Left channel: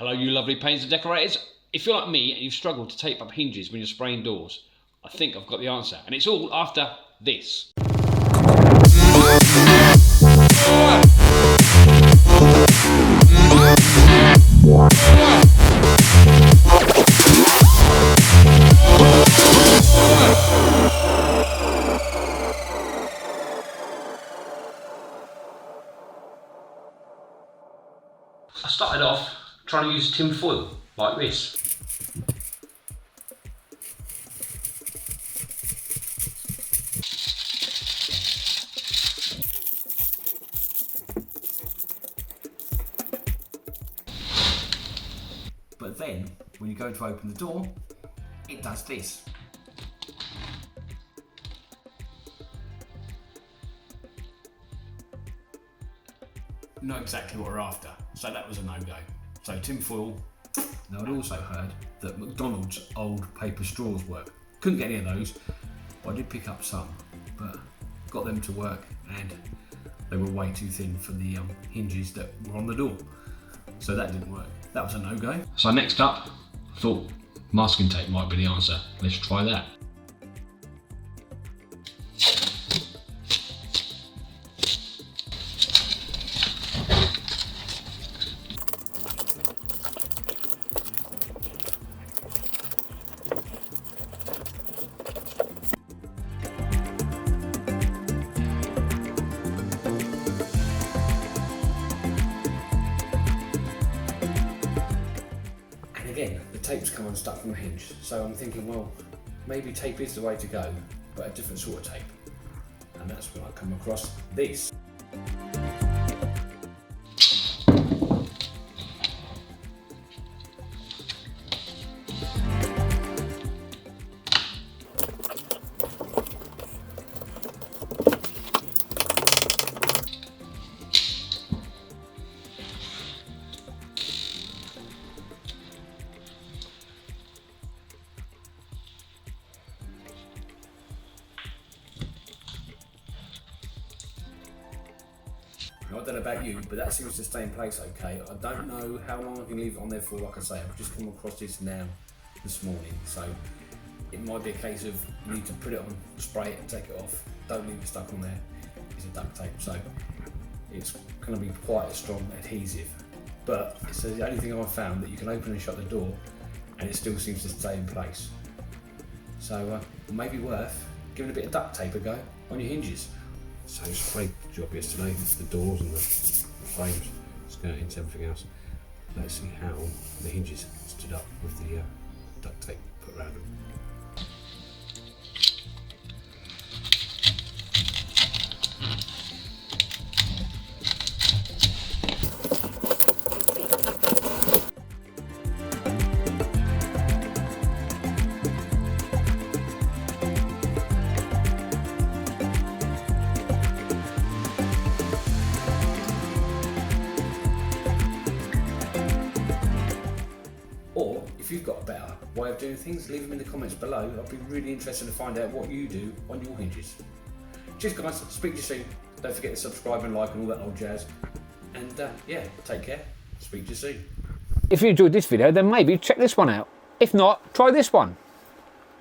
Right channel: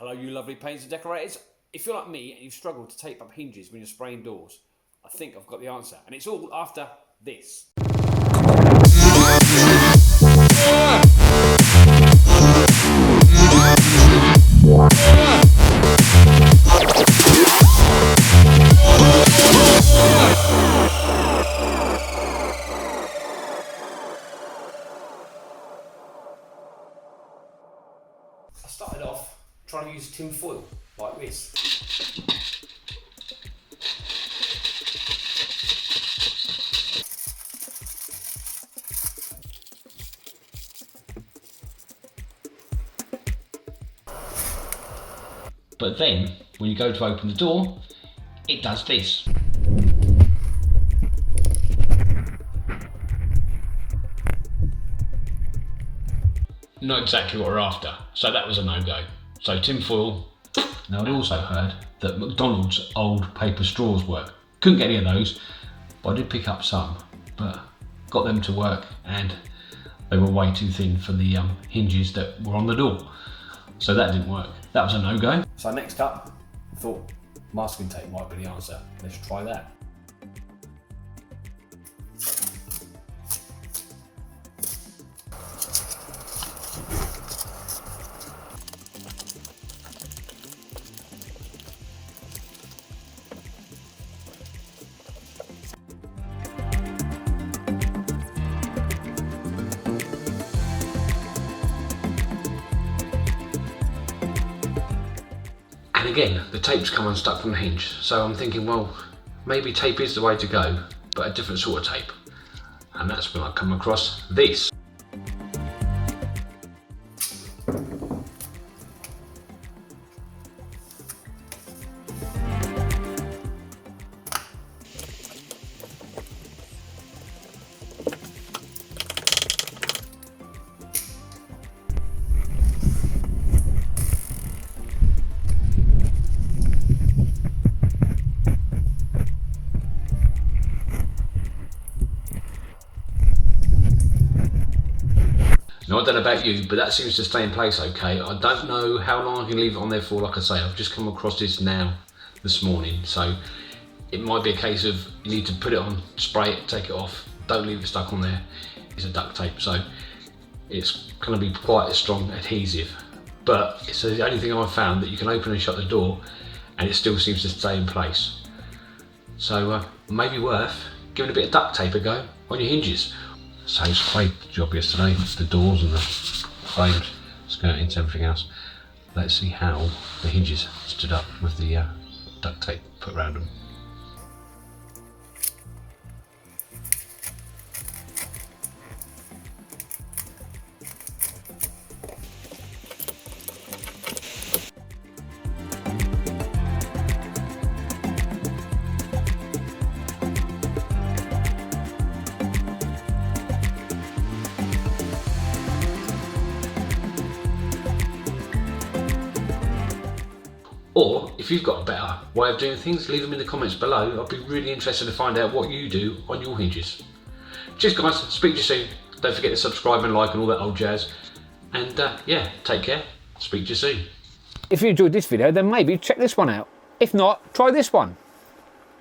Hello you lovely painters and decorators. If you're like me and you've struggled to tape up hinges when you're spraying doors, I think I've got the answer, and it's all after this. I started off trying to use tin foil like this. But then, when you go to open the door, it does this. Not exactly what we're after, so that was a no-go. So tin foil. Now I'd also heard that McDonald's old paper straws work. Couldn't get any of those, but I did pick up some, but got them to work and they were way too thin for the hinges that were on the door. So that didn't work. That was a no-go. So next up, I thought masking tape might be the answer. Let's try that. And again, the tape's come unstuck from the hinge, so I'm thinking, well, maybe tape is the way to go, but a different sort of tape. And that's when I come across this. Now, I don't know about you, but that seems to stay in place okay. I don't know how long I can leave it on there for. Like I say, I've just come across this this morning, so it might be a case of you need to put it on, spray it, take it off. Don't leave it stuck on there. It's a duct tape, so it's going to be quite a strong adhesive. But it's the only thing I've found that you can open and shut the door and it still seems to stay in place. So maybe worth giving a bit of duct tape a go on your hinges. So it's quite job yesterday, the doors and the frames, skirtings, everything else. Let's see how the hinges stood up with the duct tape put around them. Or, if you've got a better way of doing things, leave them in the comments below. I'd be really interested to find out what you do on your hinges. Cheers guys, speak to you soon. Don't forget to subscribe and like and all that old jazz. And yeah, take care, speak to you soon. If you enjoyed this video, then maybe check this one out. If not, try this one.